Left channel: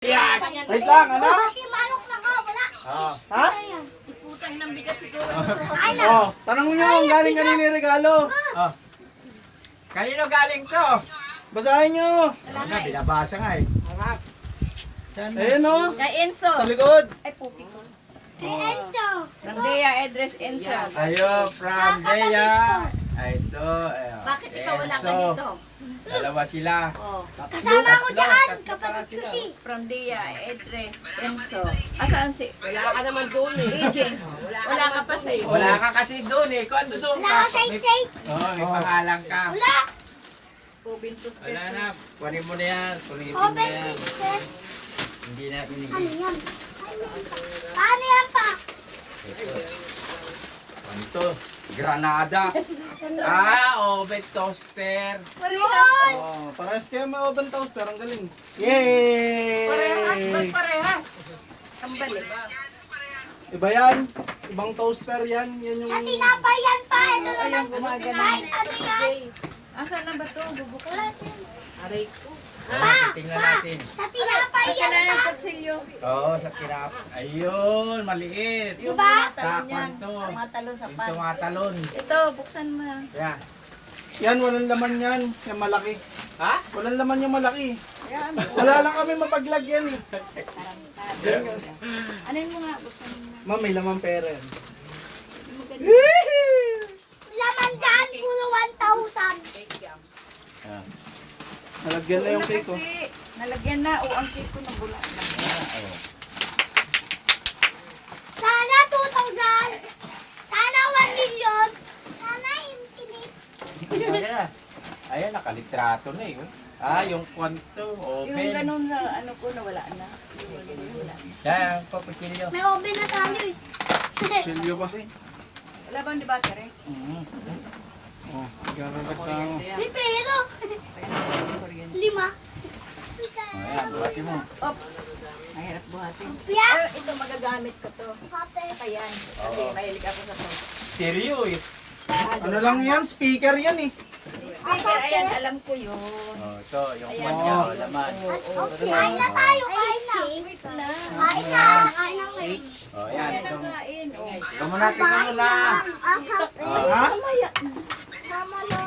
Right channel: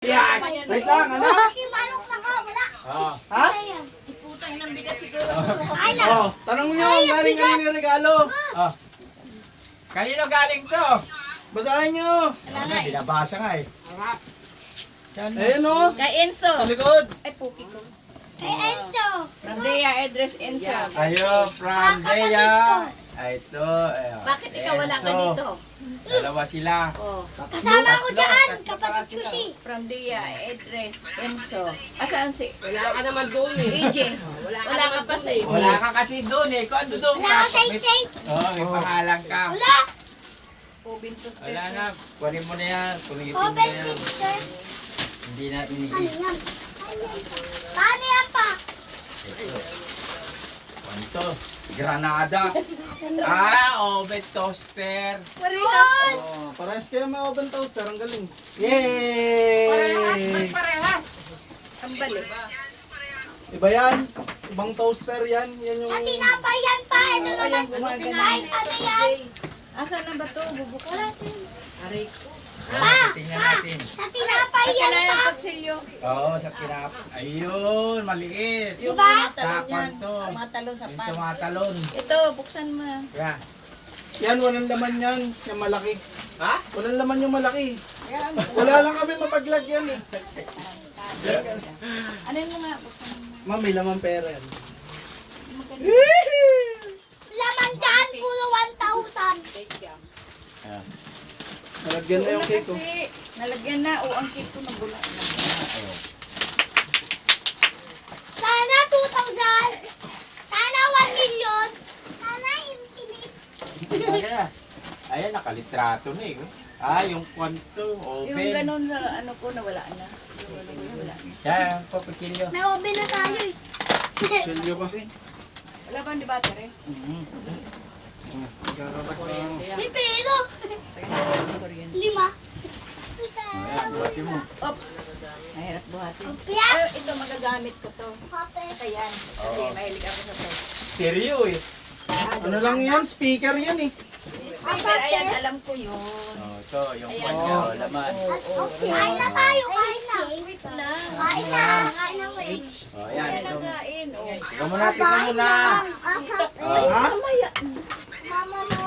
Yan! Wait lang, anak. Manok na ka, wala. Oh. Ha? Iputay ng bigat siguro. Oh, tanong nyo, galing kanina yung regalo. Oh. Kanino galing to? Basahin nyo. Ayun nga, binabasa nga eh. Saan na? Ayun o, Kay Enzo. sa likod. Ay, puki ko. Kay Enzo. Randea, address Enzo. Ayo, from Dea. Ay, ito. Ayun. Bakit ikaw wala ka Enzo. dito? Dalawa sila. Oh, Kasama ko dyan. Tatlo Kapatid ko sila. si. from Dea, address Enzo. Asaan si? Wala ka naman doon eh. PJ. Wala ka pa sa Wala ka kasi doon eh. Kung ano doon Wala ka sa isay. may pangalan ka. Wala. Ubintos Wala na. Kunin mo na yan. Kunin mo na Open yan. sister. Hindi na Ano inihi. yan? Paano yan pa? Ito. Ano to? Granada. Oven toaster. Parehas. Oh, parehas kayo may oven toaster, ang galing. Parehas. Ba't Yay! parehas? Ang balik. Iba yan, ibang toaster yan. Yan yung... Sa tinapay yan pa. Ito Oo, naman. yan, gumagana. Kahit ano yan. Asan na ba ito? Bubukas. Tingnan natin. Sa tinapay yan Kailan yung pa. kutsilyo? Oo, sa kirap. Ayun, maliit. Yung Diba? mga talon yan. Takpan to. Mga talon sa Yung pan. tumatalon. Ito, buksan mo. Yan. Yan, walang laman yan. Yung malaki. Ha? Walang laman yung malaki. Yan. Wala lang kami mapaglagyan eh. Ano mo nga? Buksan mo. Ma'am, may laman pera yan. Laman dyan. Puro 1,000. Ah. Nalagyan na yung cake oh. Kasi, nalagyan na. O, ang cake ko nabula. Sana 2,000. Sana 1 million. Sana infinite. Ayan. Ayan, nakalitrato na eh. Yung kwanto, oven. Yung ganun sa ano ko, nawala na. Yung ano ko, wala na. Yan, papakilyo. May oven na tayo eh. Silyo ba? Wala ba ang battery? May pero. 5. Ayan, buhatin mo. Oops! Mahirap buhatin. Pias. Ito magagamit ko to. Ito yan. Kasi Oo. mahilig ako sa to. Stereo eh. Ano lang yan? Speaker yan eh. Speaker, ayan, alam ko yun. Ito, yung kanya, laman. Kain na tayo. Kain na. Wait lang. Kain na. Kain na wait. Yan, Ayan ito. ang kain. Oh. Ito muna, tingnan mo na. Ah, Ha? Mamaya. Mama mo.